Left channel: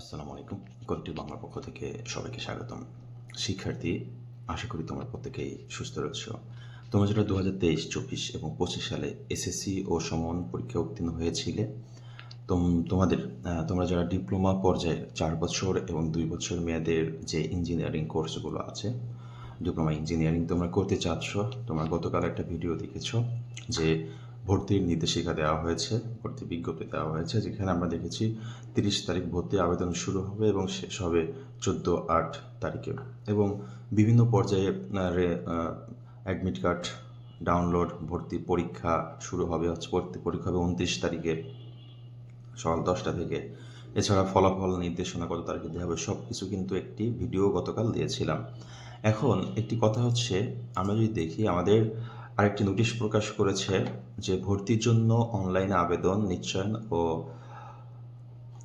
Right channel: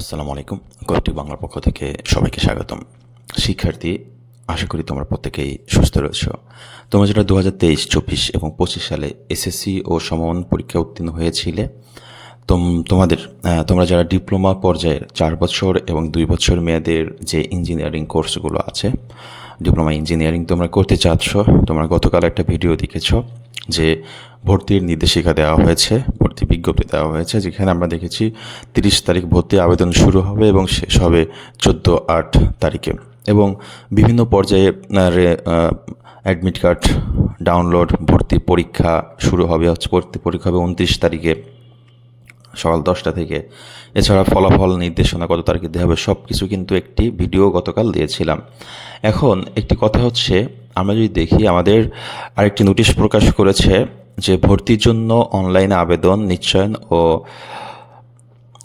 আসসালামু আলাইকুম। কয়েকটি বাংলার পক্ষ থেকে সবাইকে স্বাগতম। শিক্ষার্থী, আশা করি তোমরা প্রত্যেকেই সুস্থ রয়েছ। তোমরা যেটা দু হাজার তেইশ, চব্বিশ এবং পঁচিশ সালে এসএসসি ও সমমান পরীক্ষা উত্তীর্ণ হয়েছিলে, তোম, তোমাদের তোমরা যারা ডিপ্লোমা পর্যায়ের চার বছর এবং দুই বছর মেয়াদের যে ইঞ্জিনিয়ারিং কোর্সগুলো আছে ডিপ্লোমা ইঞ্জিনিয়ারিং তোমরা করতে চাচ্ছ, তোমরা গতকাল একটা ভিডিও দেখেছ যে ভর্তির নির্দেশিকা দেওয়া হয়েছে, ভর্তি বিজ্ঞপ্তি দেওয়া হয়েছে, যেখানে আমরা দেখেছি তিরিশ তারিখ ভর্তি আবেদন শুরু হবে এবং শেষ হবে চোদ্দ আট তারিখে। এবং বিভিন্ন পর্যায়ে অ্যাডমিট কার্ড ডাউনলোড ভর্তি পরীক্ষা শুরু হবে, হচ্ছে ভর্তি পরীক্ষা হবে উনত্রিশ তারিখে, সকাল দশটা থেকে। এছাড়া ফলাফল নির্দেশনা কত তারিখে দেওয়া হবে সব কিছু কিন্তু একটি ভিডিও গতকাল দিয়েছিলাম। এখন একটি কথা হচ্ছে, আমরা যদি দেখি, আমাদের আরেকটি নোটিশ প্রকাশ করেছে যে ভর্তির জন্য অনলাইনে আবেদন নিশ্চয়ন ও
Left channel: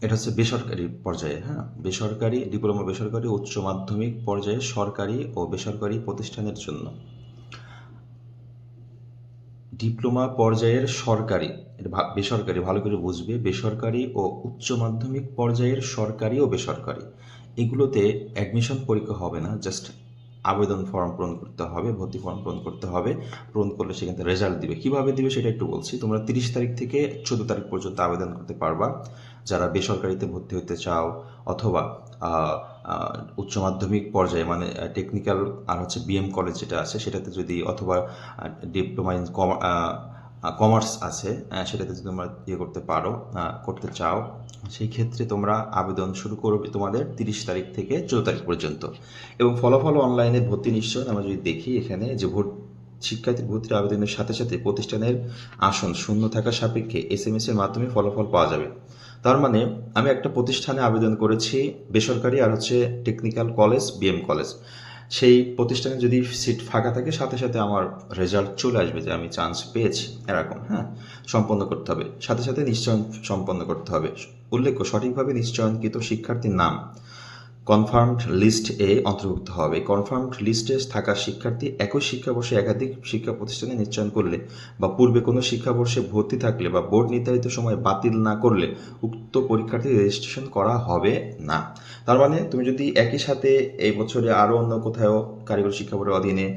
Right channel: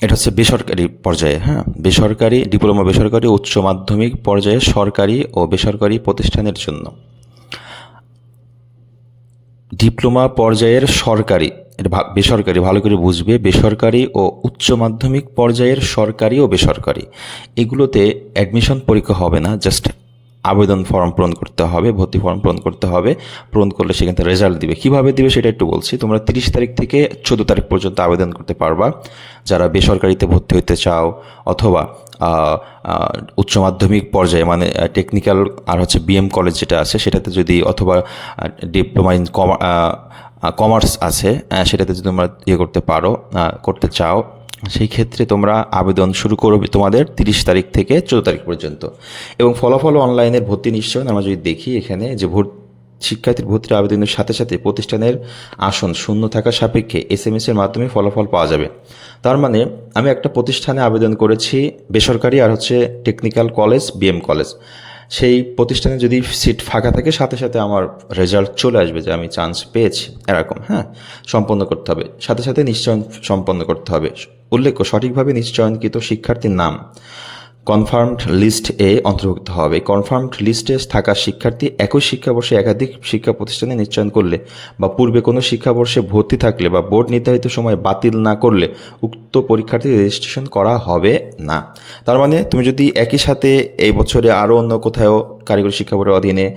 এটা হচ্ছে বেসরকারি পর্যায়ে হ্যাঁ? বেসরকারি ডিপ্লোমা বেসরকারি উচ্চ মাধ্যমিক পর্যায়ে সরকারি ও বেসরকারি প্রতিষ্ঠানের জন্য। ডিপ্লোমা পর্যায়ের সরকারি বেসরকারি, ভালো করে বুঝবে, বেসরকারি ও উচ্চ মাধ্যমিক পর্যায়ের সরকারি ও বেসরকারি। এগুলোতে অ্যাডমিশন পরীক্ষা হবে না জাস্ট আবেদন ফর্ম পূরণ করতে হবে, ভর্তি ফর্ম পূরণ করতে হবে। পূরণ করলে সেখান থেকে রেজাল্ট দিবে। কীভাবে দিবে সেটা একটু বলছি। তোমরা তিরিশ তারিখ থেকে চোদ্দ তারিখ পর্যন্ত আবেদন করতে পারবা। যারা বেসরকারিতে ভর্তি হতে চাও অথবা উচ্চ মাধ্যমিক পর্যায়ে মানে টেকনিক্যাল আর হচ্ছে বিএম কলেজ যেটা আছে, সেটাতে যদি অথবা ডিপ্লোমা ইন কমার্স আছে সেটাতে যদি তোমরা ইয়ে করতে পারো করতে চাও সেই ক্ষেত্রে তোমরা আবেদন শুরু করবে তোমাদের তিরিশ তারিখ থেকে চোদ্দ তারিখ পর্যন্ত। এবং ফলাফল অনলাইনে ভর্তি নিশ্চয় আমরা যদি দেখি এখানে যে ভর্তি, শিক্ষার্থীর ভর্তির আবেদনের সাথে সাথে প্রতিষ্ঠানের আসন শূন্য থাকা সাপেক্ষে এস এম এর মাধ্যমে ফলাফল পাওয়া যাবে। তার মানে আমি একটা প্রতিষ্ঠানে আবেদন করেছি বেসরকারি আর হচ্ছে টেকনিক্যাল কলেজ বিএম কলেজ সেই প্রতিষ্ঠানে যদি সিট ফাঁকা থাকে, সাথে সাথে আমার রেজাল্ট চলে আসবে যে আমি চান্স পেয়েছি, এরকম হ্যাঁ সম্পন্ন করতে হবে। সাথে সাথে নিশ্চয়ন সম্পন্ন করতে হবে। উল্লেখ্য, সঠিকভাবে নিশ্চয়নকৃত শিক্ষার্থীর নাম। কনফার্মড লিস্ট এ অন্তর্ভুক্ত হবে। কনফার্মড লিস্টে থাকা শিক্ষার্থী একই শিক্ষাবর্ষে একাধিক শিক্ষা প্রতিষ্ঠানে নিশ্চয়ন করলে বা পূর্বে কোনো শিক্ষাবর্ষে ভর্তি থাকলে বা বোর্ড নির্ধারিত সময় বাতিল না করলে উক্ত পরীক্ষার্থী রেজিস্ট্রেশন করা হবে না। তার মানে তুমি যদি একই সাথে এই বছরে আরও অন্য কোথাও কারিগরি শিক্ষা বোর্ডের অধীনে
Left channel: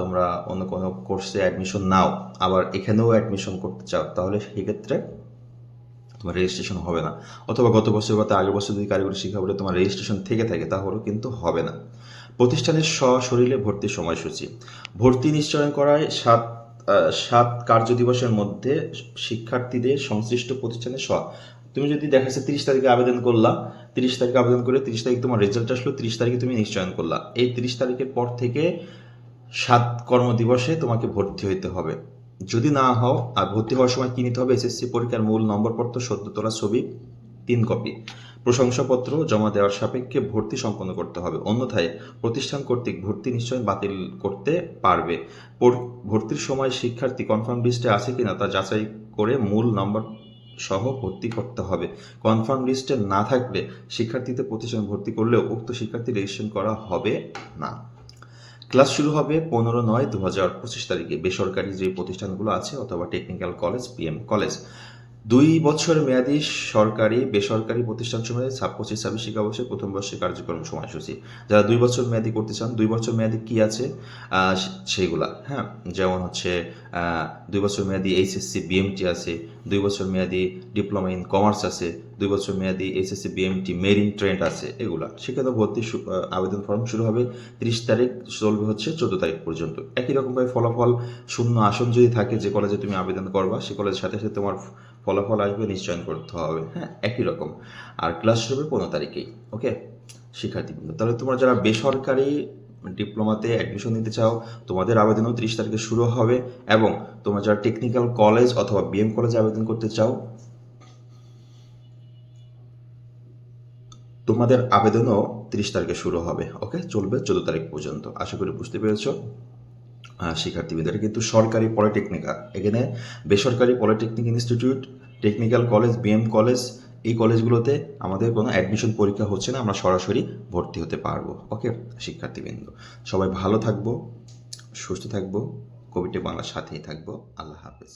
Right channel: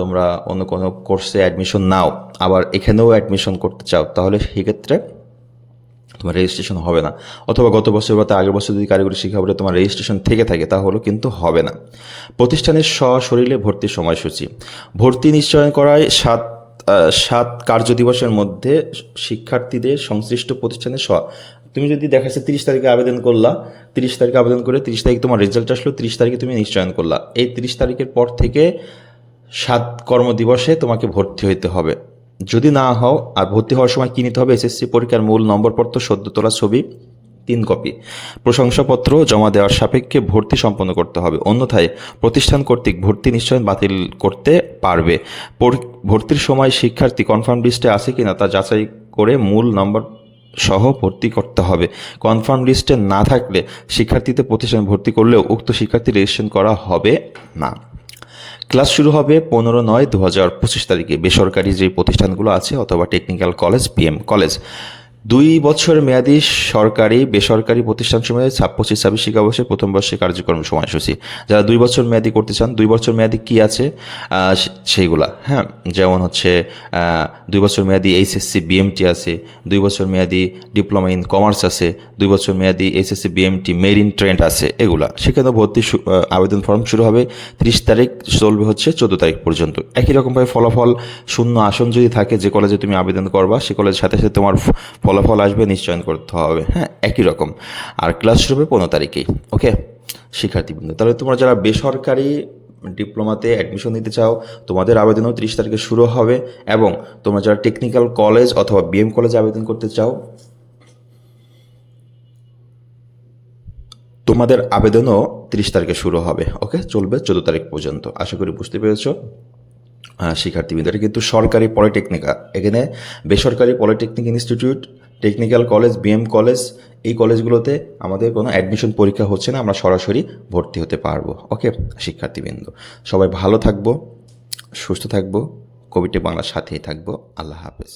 তোমরা অন্য কোনো কোর্সে অ্যাডমিশন নাও, আবার এখানেও অ্যাডমিশন করতে চাও, তাহলে সেক্ষেত্রে তোমার রেজিস্ট্রেশন হবে না। অথবা গত বছর বা তার আগের বছর যদি কারিগরি শিক্ষা বোর্ডে তোমার রেজিস্ট্রেশন থেকে থাকে, তাহলেও কিন্তু হবে না। প্রতিষ্ঠানের সশরীরে ভর্তির সময়সূচি। ভর্তি নিশ্চয়ন করায় সাত সাত কার্য দিবসের মধ্যে শিক্ষার্থীদের সংশ্লিষ্ট প্রতিষ্ঠানের স তুমি যদি দেখা যাচ্ছে তিরিশ তারিখে আবেদন করলা, তিরিশ তারিখে আবেদন করে তিরিশ তারিখ তোমার রেজাল্ট আসলো, তিরিশ তারিখে তুমি নিশ্চয়ন করলা। এই তিরিশ তারিখের পর থেকে সাত কর্মদিবসে তোমাকে ভর্তি হইতে হবে। যদি না হও আর ভর্তি হওয়ার সময় কী নিতে হবে? এসএসসি পরীক্ষার মূল নম্বরপত্র সদ্য তোলা ছবি, তিন কপি। প্রশংসাপত্র জমা দেওয়ার সাপেক্ষে ভর্তি সম্পন্ন করতে হবে। অন্যথায় প্রতিষ্ঠান কর্তৃক ভর্তি নিশ্চয় বাতিল করতে পারবে। ভর্তির সময় শিক্ষার্থী কনফার্ম লিস্টে আছে কিনা তা যাচাই করে মূল নম্বর সহ ভর্তি করতে হবে। কনফার্ম লিস্টে না থাকলে শিক্ষার্থীতে প্রতিষ্ঠান ভর্তি করলেও উক্ত শিক্ষার্থী রেজিস্ট্রেশন করা হবে না। ক্লাস শুরু হবে পনেরো নয় দু হাজার পঁচিশ তারিখে। বেসরকারি যে প্রতিষ্ঠানগুলো আছে অথবা টেকনিক্যাল কলেজ পিএম কলেজ দুই বছর মেয়াদী সরকারি বেসরকারি প্রতিষ্ঠান সময়ে পঁচিশ ছাব্বিশ শিক্ষাবর্ষে প্রথম বর্ষে কার্যক্রম সময়সূচি। যারা দুই বছর মেয়াদি করতে চান, দুই বছর মেয়াদি কি আছে? সেইগুলা হ্যাঁ? যেমন হচ্ছে দুই বছর মেয়াদি এইচএসসি, বিএমটি আছে, দুই বছর মেয়াদি ডিপ্লোমা ইন কমার্স আছে, দুই বছর মেয়াদি এইচএসসি, বিএমটি, মেরিন ট্রেন্ড আছে, এগুলা। সেখানে ভর্তি আবেদন ফর্ম শুরু হবে ত্রিশ তারিখ, চলবে হচ্ছে চোদ্দ তারিখ পর্যন্ত। একই রকমভাবে ফলাফল শূন্য আসন যদি থাকে, যে কলেজে তুমি আবেদন করবা, সে কলেজের সাথে সাথে তোমার ফ- ফলাফল আসবে, নিশ্চয়ন করতে হবে। হ্যাঁ একই রকম। আর ক্লাস শুরু হবে পনেরো তারিখেই ওকে শিক্ষার্থীবৃন্দ, তাহলে তোমরা যারা বেসরকারি ডিপ্লোমাতে অ্যাডমিশন নিতে চাও, তোমাদের আবেদনও তিরিশ তারিখে শুরু হবে এবং তোমরা যারা টেকনিক্যাল কলেজ অথবা বিএম কলেজে আবেদন করতে চাও, তোমাদের আবেদনও তিরিশ তারিখে শুরু হবে ওকে চলবে চোদ্দ তারিখ পর্যন্ত। আশা করি বুঝতে পেরেছ। শিক্ষার্থীবৃন্দ কিন্তু সরকারি পলিটেকনিকা এখানে বেসরকারি polytechnic institute technical college BM college এই কলেজগুলোতে আমাদের কোনো অ্যাডমিশন পরীক্ষা হচ্ছে না, আমরা সরাসরি ভর্তি হতে পারব ওকে শিক্ষার্থীবৃন্দ, সবাই ভালো থাকব, সুস্থ থাকব কোভিডে বাংলার সাথেই থাকব, আল্লাহ হাফেজ।